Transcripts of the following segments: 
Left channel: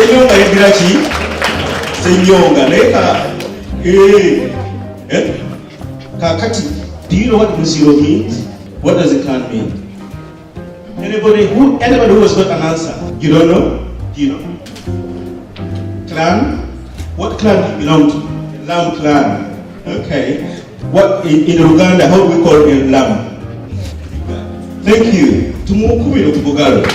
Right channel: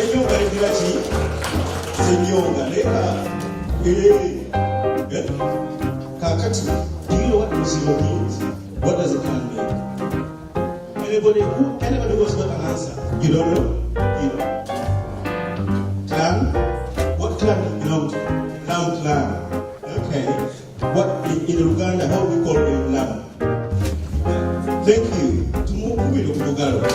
Senyonga yedira ki? Senyonga naye kakati, do you know what Musiro means? What does it clan mean? Anybody who has got an answer? You don't know? You know. Clan? What clan do you belong to? Lam clan. Okay. What in Uganda, how do we call it Lam? Thank you. Tumukubiro tubugalo.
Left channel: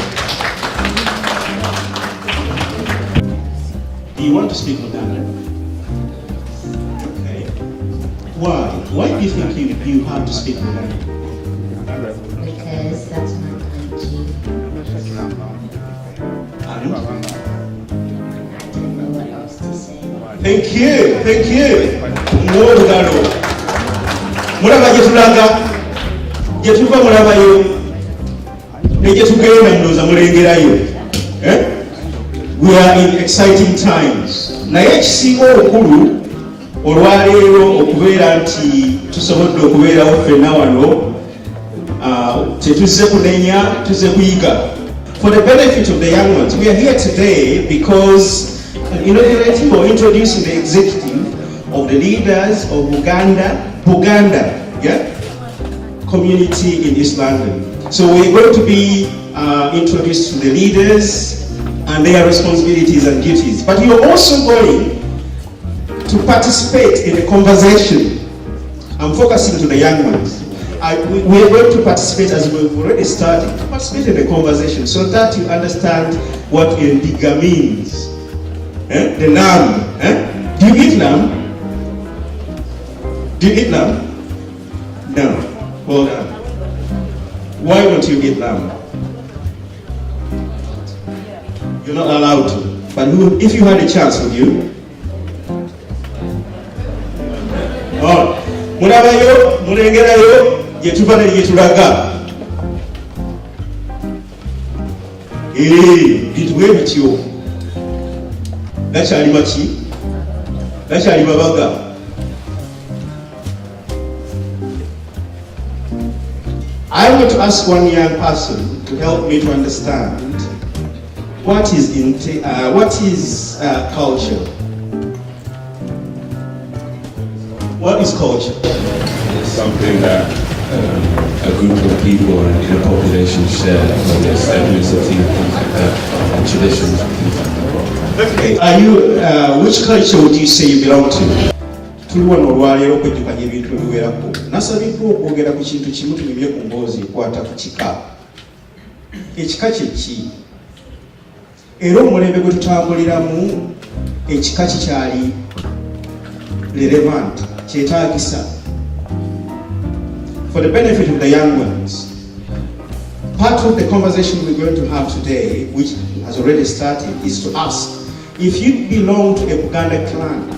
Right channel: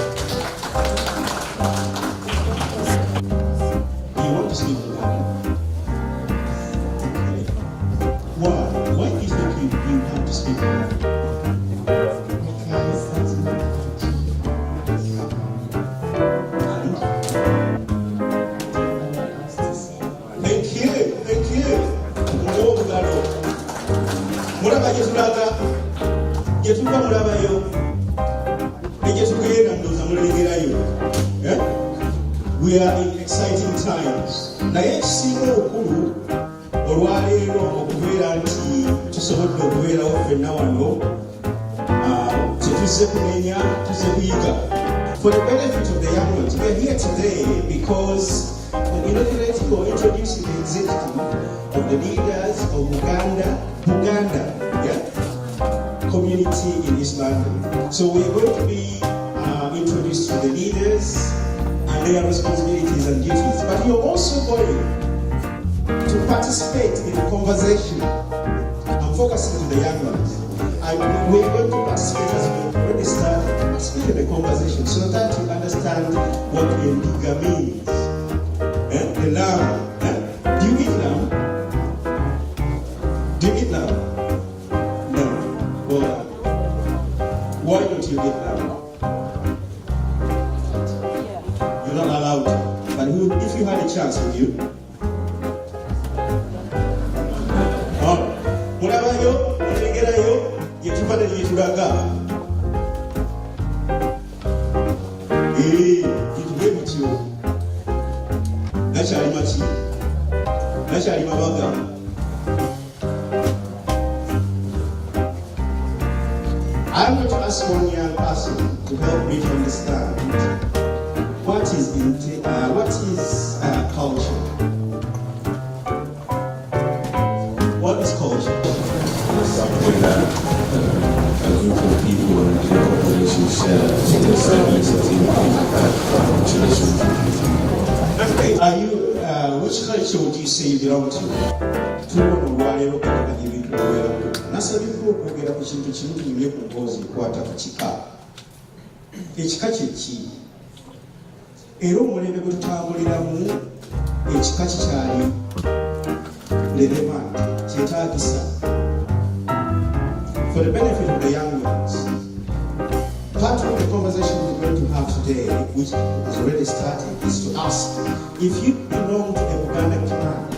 Do you want to speak Uganda? Okay. Why? Why do you think you have to speak Uganda? Because that's my country. Thank you. Mwolugalo. Mulaba gyetulaga. Gyetuva mulabayo. Negyetugeenda ndowooza mulengerayo. We are in exciting times. Naye ekisinga obukulu olwaleero okubeera nti tusobodde okubeerawo ffenna wano tetuzze kunenya, tuzze kuyiga. For the benefit of the young ones, we are here today because inaugurating or introducing the executive of the leaders of Buganda community in East London. So we're going to be introduced to the leaders and their responsibilities and duties. But you're also going to participate in a conversation. I'm focusing to the young ones. We're going to participate, as we've already started, to participate in a conversation so that you understand what Ndiga means. The lamb. Do you eat lamb? Do you eat lamb? No. Well done. Why don't you eat lamb? You're not allowed to. But if you had a chance, would you? Oh. Mulabayo, mulengerayo, yetuva ne yetulaga. Bituwe bityo. Gakyali baki? Gakyali babaga. I want to ask one young person to help me to understand what is culture. What is culture? It's something that a group of people in a population share, so there's segments of things like that, and traditions and things like that. Okay. Are you, which culture would you say you belong to? Tuliwo n'olwaleero okwettekanya ebintu ebiwerako. Nasabiddwa okwogera ku kintu kimu tunyumye ku mboozi ekwata ku kika. Ekika kye ki? Era omulembe gwe tutambuliramu ekika kikyali relevant, kyetaagisa. For the benefit of the young ones, part of the conversation we're going to have today, which has already started, is to ask, if you belong to a Buganda clan,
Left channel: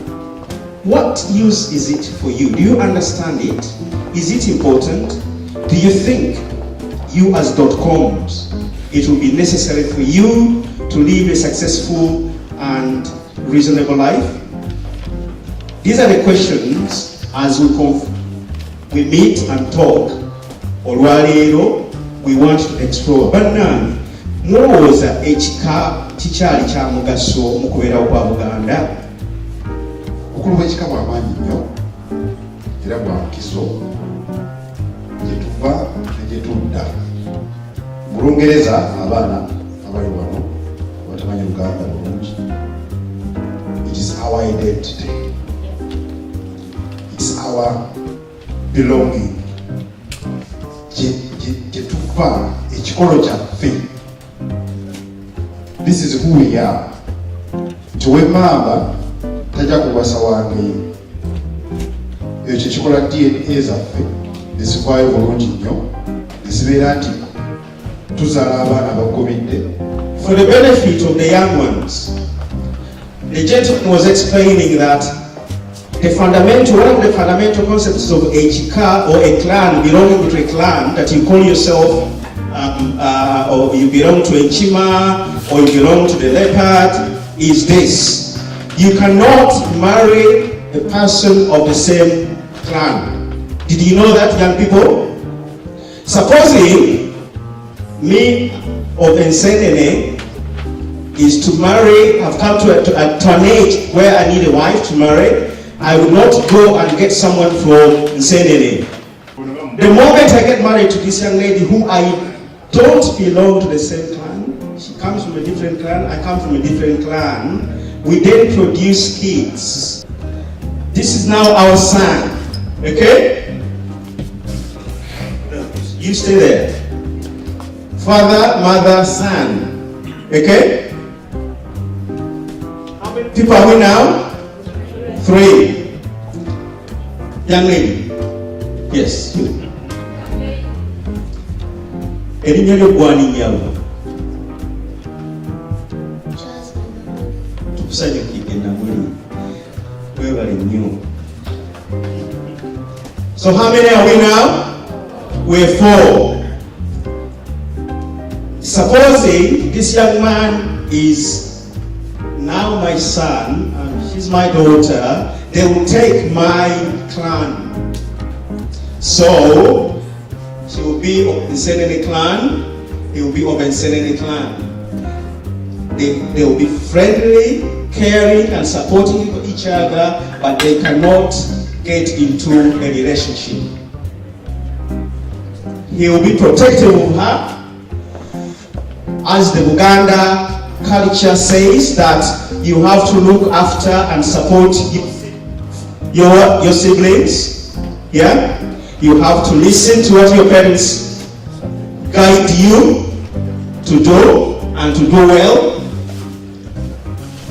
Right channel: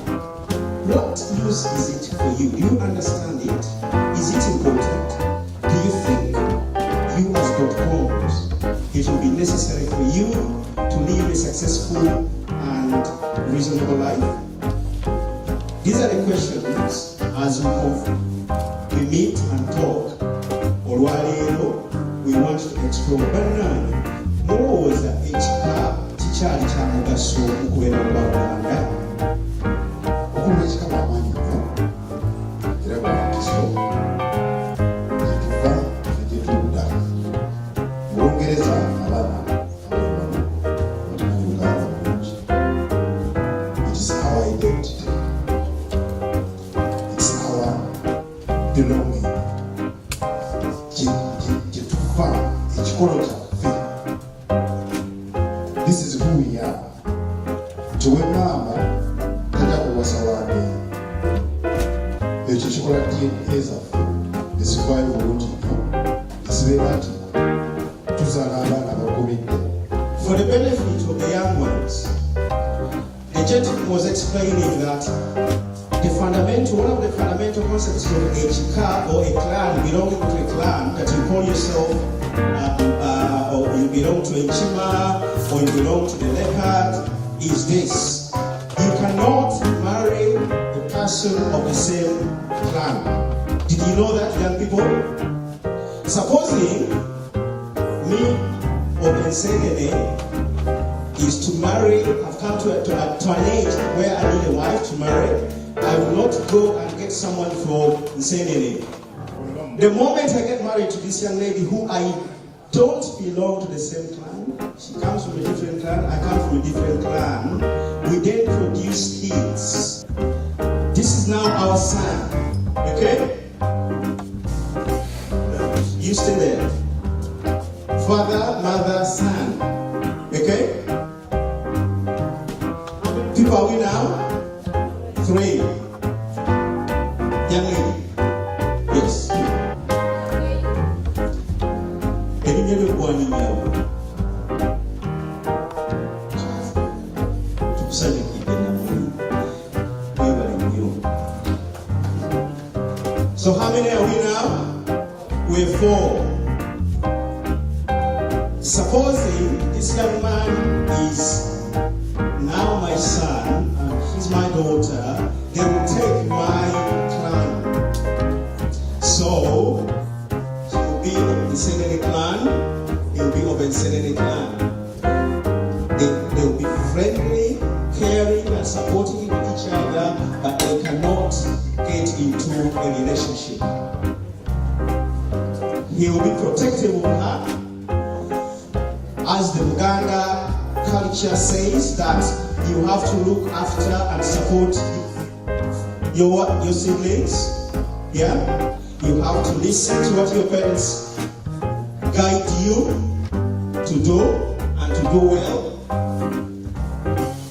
what use is it for you? Do you understand it? Is it important? Do you think you as .coms, it will be necessary for you to live a successful and reasonable life? These are the questions as we meet and talk. Olwaleero, we want to explore. Bannange, mulowooza ekika kikyali kya mugaso mu kubeerawo kwa Buganda? Obukulu bw'ekika bwa maanyi nnyo era bwa nkiso gye tuva ne gye tudda. Mu Lungereza abaana abali wano abatamanyi Uganda bulungi, it is our identity, it's our belonging. Gye tuva, ekikolo kyaffe. This is who we are. Tuwe mamba tajja kuwasa wange. Ekyo kikola DNA zaffe ezivaayo bulungi nnyo ezibeera nti tuzaala abaana bagobedde. For the benefit of the young ones, the gentleman was explaining that one of the fundamental concepts of a chika or a clan, belonging to a clan, that you call yourself, or you belong to a chima, or you belong to the leopard, is this: you cannot marry a person of the same clan. Did you know that, young people? Supposing me of Ensenene is to marry, have come to an age where I need a wife to marry. I will not go and get someone from Nsenene. The moment I get married to this young lady who I don't belong to the same clan, she comes from a different clan, I come from a different clan, we then produce kids. This is now our son, okay? You stay there. Father, mother, son, okay? How many people are we now? 3. Young lady. Yes. Erinnya lyo gwaninyabo. Tukusanyukidde namuli. Webale nnyo. So how many are we now? We're 4. Supposing this young man is now my son and she's my daughter, they will take my clan. So she will be of the Nsenene clan, he will be of the Nsenene clan. They will be friendly, caring and supporting each other, but they cannot get into a relationship. He will be protective of her. As the Buganda culture says that you have to look after and support your siblings. Yeah? You have to listen to what your parents guide you to do and to do well.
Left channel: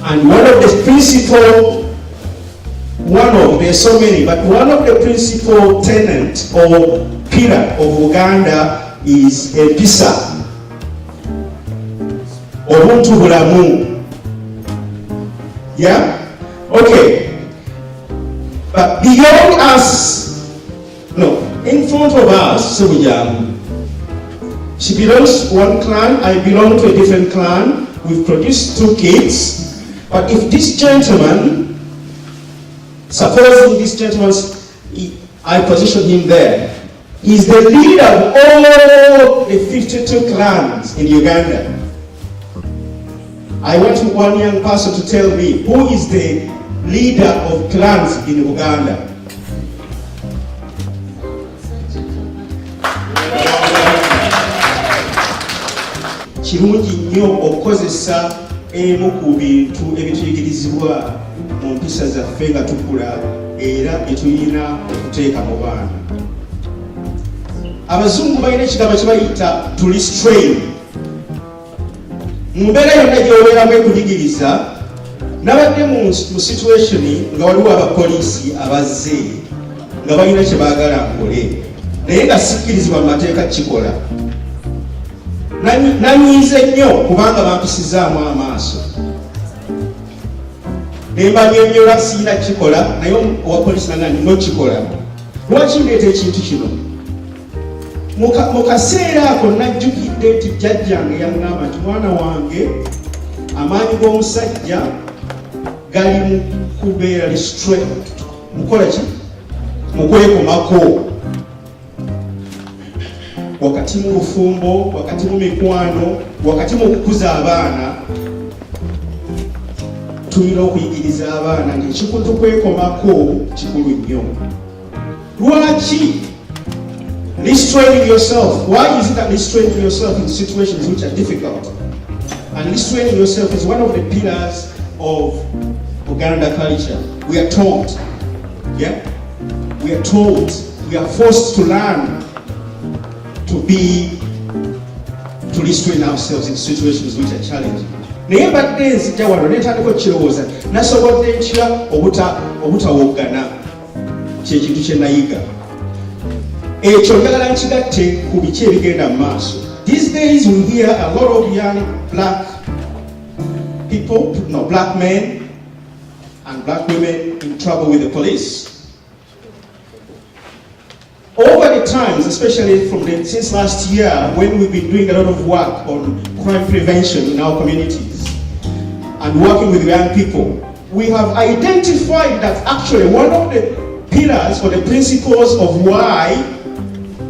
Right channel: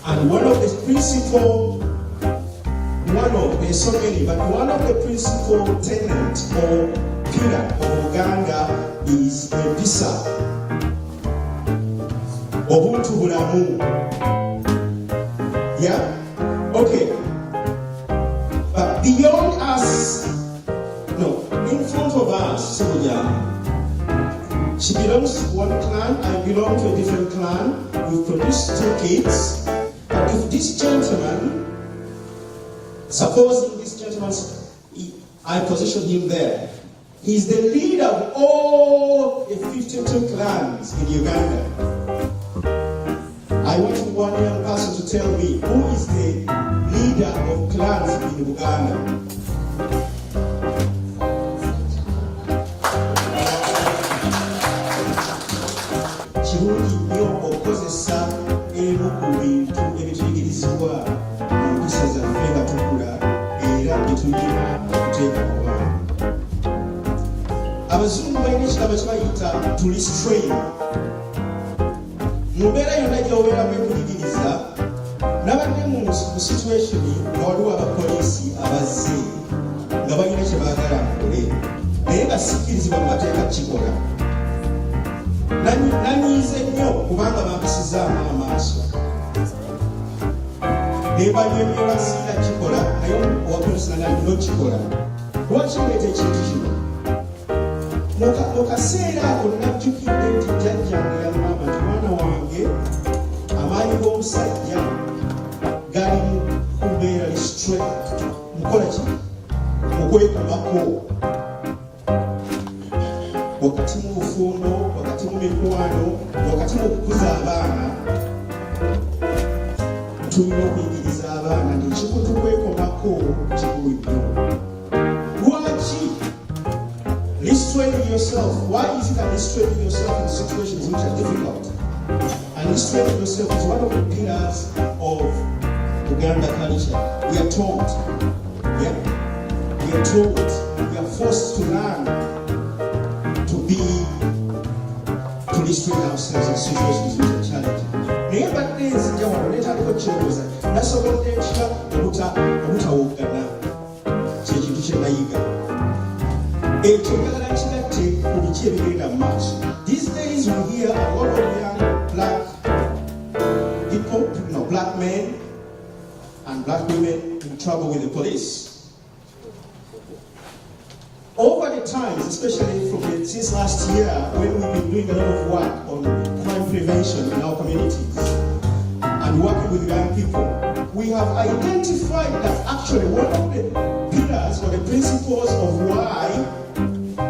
And one of the principal, there's so many, but one of the principal tenets or pillar of Uganda is empisa. Obuntu bulamu. Yeah? Okay. But beyond us, no, in front of us, so she belongs to one clan, I belong to a different clan, we've produced 2 kids, but if this gentleman, supposing this gentleman, I position him there, he's the leader of all the 52 clans in Uganda. I want one young person to tell me who is the leader of clans in Uganda. Kirungi nnyo okukozesa emu ku bintu ebituyigirizibwa mu mpisa zaffe nga tukula era bye tulina okuteeka mu baana. Abazungu balina ekigambo kye bayita to restrain. Mu mbeera yonna gy'obeeramu ekuyigiriza, nabadde mu situation nga waliwo abapoliisi abazze nga balina kye baagala nkole naye nga sikkirizibwa mu mateeka kikola. Nanyiize nnyo kubanga bampisizaamu amaaso. Ne mbanyonnyola siyina kikola naye owapoliisi nanga ndina kikola. Lwaki ndeeta ekintu kino? Mu kaseera ako najjukidde nti jjajjange yangamba nti mwana wange amaanyi g'omusajja gali mu kubeera restraint. Mukola ki? Mu kwekomako. Wakati mu bufumbo, wakati mu mikwano, wakati mu kukuza abaana, tulina okuyigiriza abaana ng'ekikutu kwekomako kikulu nnyo. Lwaki? Restraining yourself. Why is it that restraining yourself in situations which are difficult? And restraining yourself is one of the pillars of Uganda culture. We are taught, yeah? We are taught, we are forced to learn to restrain ourselves in situations which are challenging. Naye badde nzija wano neetandika okukirowooza nasobodde ntya obutawoggana kyekintu kye nayiga. Ekyo njagala nkigatte ku biki ebigenda mu maaso. These days we hear a lot of young black people, black men and black women in trouble with the police. Over the times, especially since last year, when we've been doing a lot of work on crime prevention in our communities and working with young people, we have identified that actually one of the pillars or the principles of why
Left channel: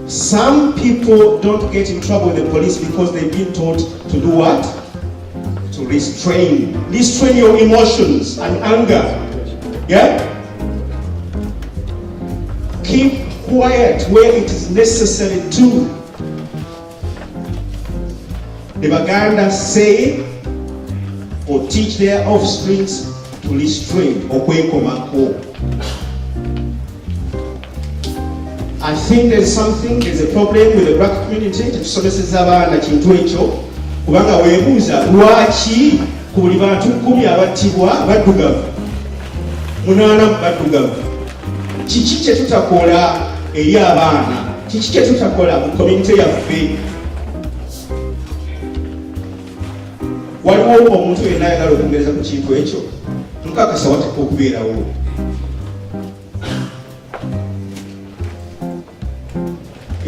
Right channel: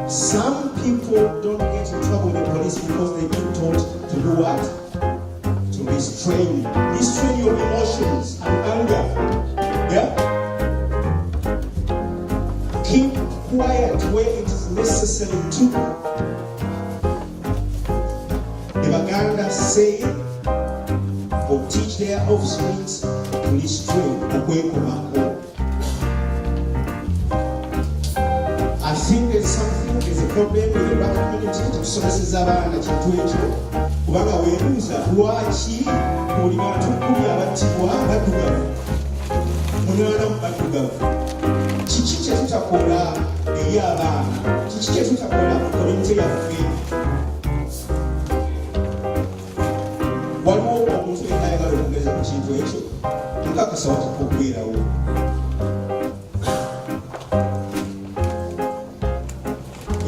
some people don't get in trouble with the police because they've been taught to do what? To to restrain your emotions and anger. Yeah? Keep quiet where it is necessary to. The Baganda say or teach their offspring to restrain okwekomako. I think there's a problem with the black community. Tetusomeseza abaana kintu ekyo kubanga weebuuza lwaki buli bantu 10 abattibwa baddugavu 8 baddugavu. Kiki kye tutakola eri abaana? Kiki kye tutakola mu community yaffe? Waliwo omuntu yenna ayagala okwongereza ku kintu ekyo, mukakasa wateeka okubeerawo.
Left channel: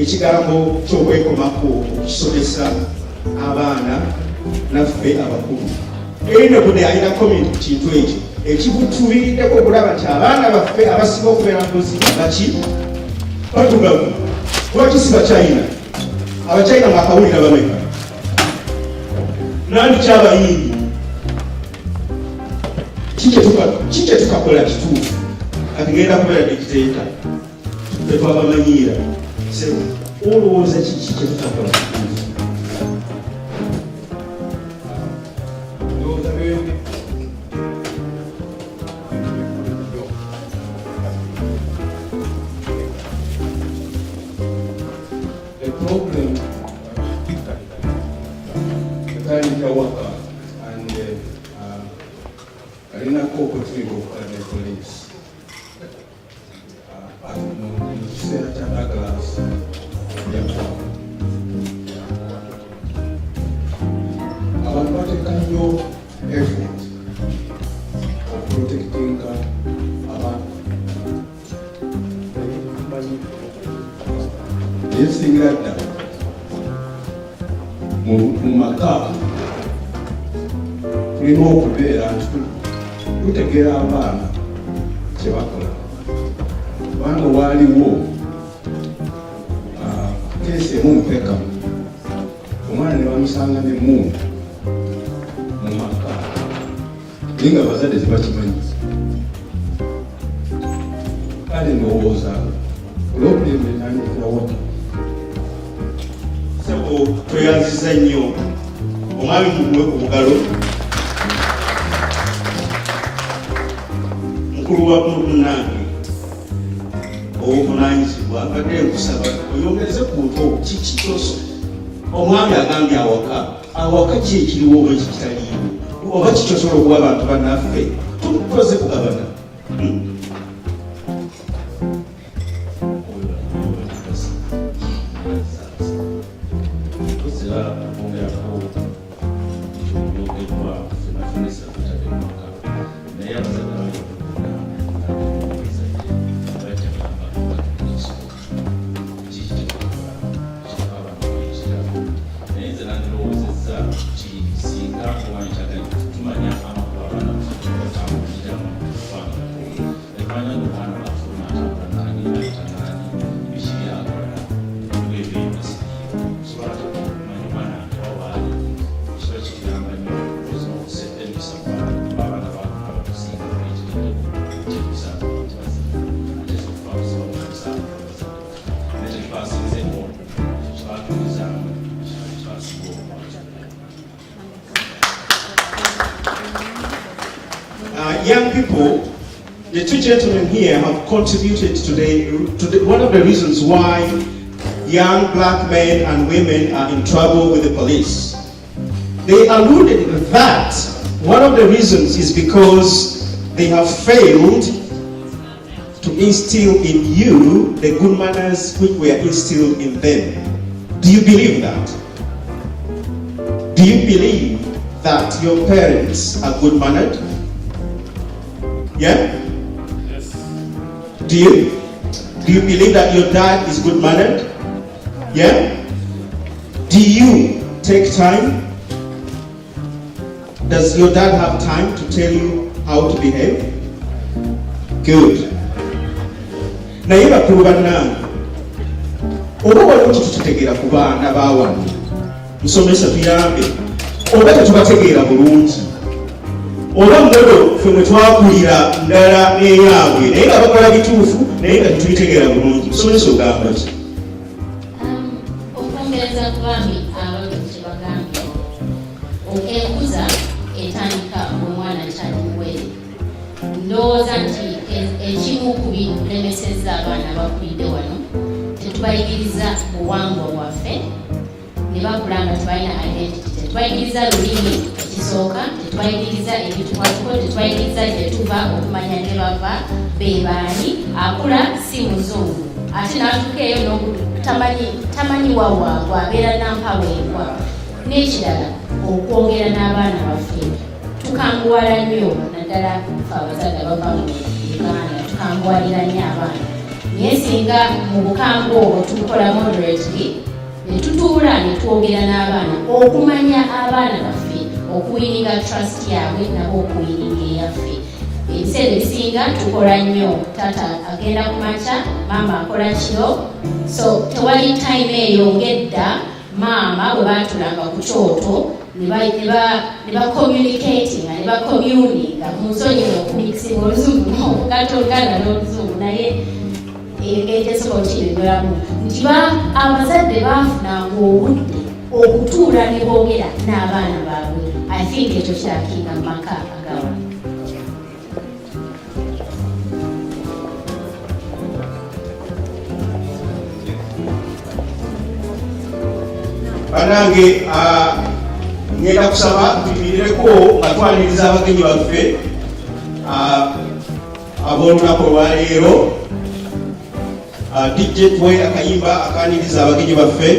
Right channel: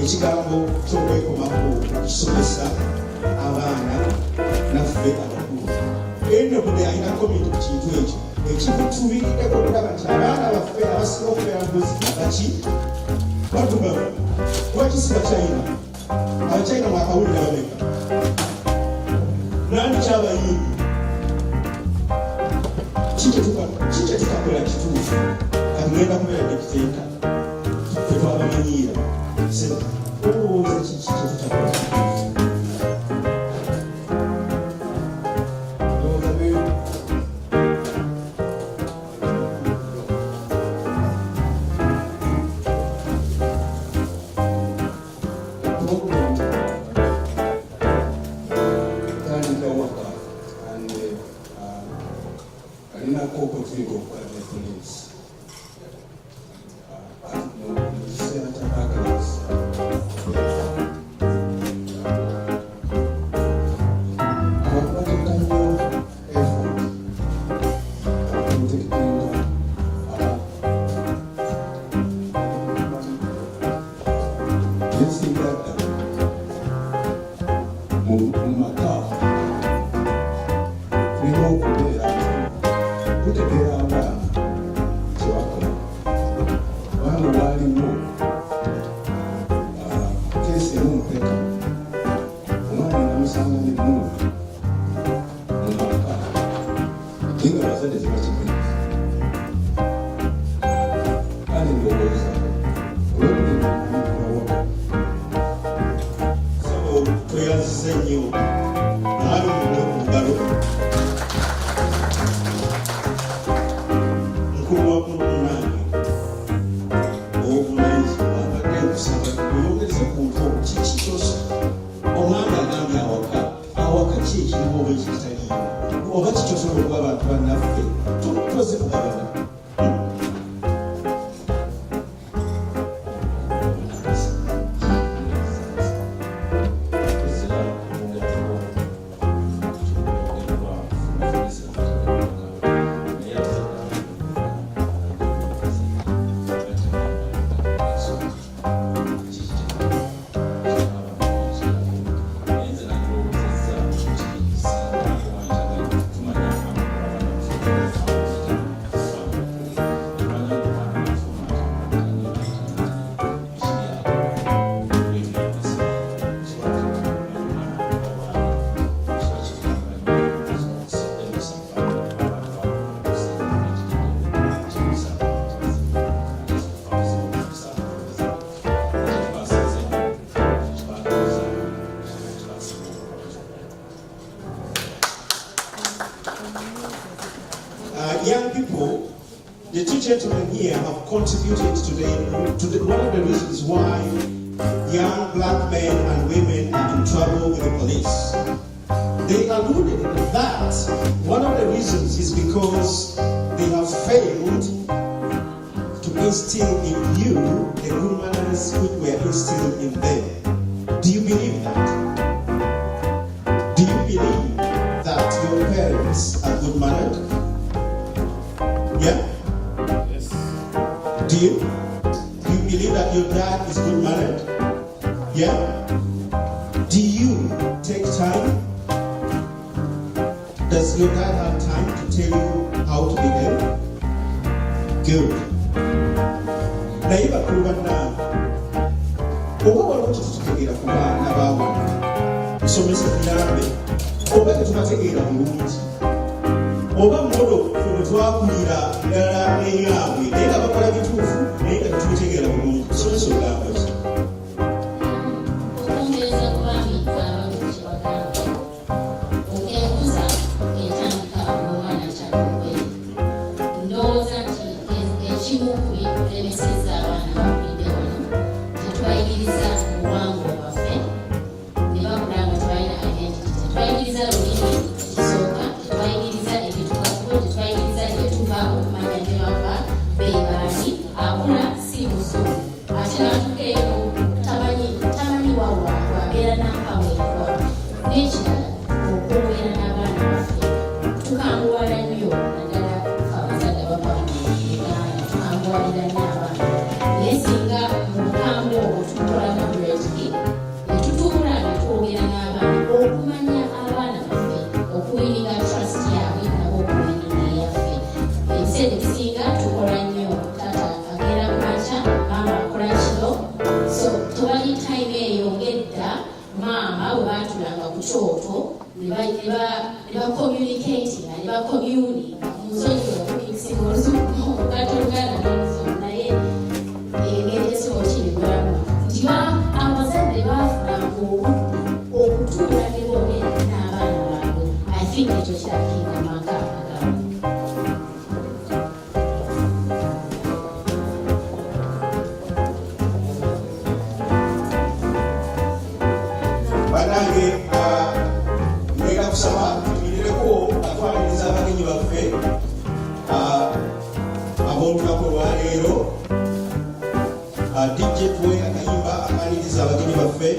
Ekigambo ky'okwekomako okisomesa abaana naffe abakulu. Erina budde alina comment ku kintu ekyo ekibutubiriddeko okulaba nti abaana baffe abasinga okubeera mbuzi baki baddugavu. Lwaki si Bachina? Abachina mwakawulira bameka? Nandi kyabayindi? Kiki tukakola kituufu katugenda kubeera dikiteeta tetwabamanyiira? Olowooza kiki kye tutakola kituufu? Mumaka tulina okubeera tutegeera abaana kyebakola. Abaana waaliwo keesi emu mpeka, omwana ne bamusanga n'emmundu mu maka naye nga abazadde tebakimanyi. Kale ndowooza olw'okulembenanikulawo tweyanziza nnyo omwami muwe ku bugalo mukulu wa munnange obuvunaanyizibwa mbadde nkusaba oyongeze ku nto kiki kyoso. Omwami agambye awaka ki ekiriwo oba ekitaliiwo oba kikyosobola okuwa abantu bannaffe tukoze kugabana. Young people, the two gentlemen here have contributed today to one of the reasons why young black men and women are in trouble with the police. They alluded that one of the reasons is because they have failed to instill in you the good manners which were instilled in them. Do you believe that? Do you believe that your parents are good-mannered? Yeah? Yes. Do you believe that your dad is good-mannered? Yeah? Do you take time? Does your dad have time to tell you how to behave? Good. Naye bakulu bannange, oba waliwo kitutegeera ku baana bawano musomesa tuyambe oba tetubategeera bulungi oba mmodo ffe mwe twakulira ndala n'eyaabwe naye nga bakola bituufu naye nga tetubitegeera bulungi tusomesa ogamba ki okwongereza ku bambi abaluzi kye bagambye enkuza etandika omwana kyalimuwere ndowooza nti ekimu ku bilemeseza abaana abakulidde wano tetubayigiriza buwangwa bwaffe ne bakula nga tebalina identity tetubayigiriza lulimi ekisooka tetubayigiriza ebitukwatiko tetubayigiriza gyetuva okumanya ne bava bebaani akula si muzungu ate natukeeyo tamanyi wawaabwe abeera nampaweebwa n'ekirala okwongera n'abaana baffe tukanguwala nnyo naddala fe abazadde bava mu uganda tukanguwalira nnyo abaana naye singa mu bukangu obwo tukola moderately ne tutuula ne twogera n'abaana okumanya abaana baffe okuwininga trust yaabwe nabo okuwininga eyaffe ebiseera ebisinga tukola nnyo taata agenda ku makya maama akola kiro so tewali time eyo ngedda maama bwe batulanga ku kyoto ne bacommunicatinga ne bacommuninga mu nsonyi okumikisinga oluzungu okugatta oluganda n'oluzungu naye etesobola kiregeramu nti abazadde baafunanga obudde okutuula ne boogera n'abaana baabwe I think ekyo kirakinga mu maka agamu banange ngenda kusaba tuyimireko nga twaniriza abagenyi baffe ab'olunaku olwaleero DJ tuwe akayimba akaniriza abagenyi baffe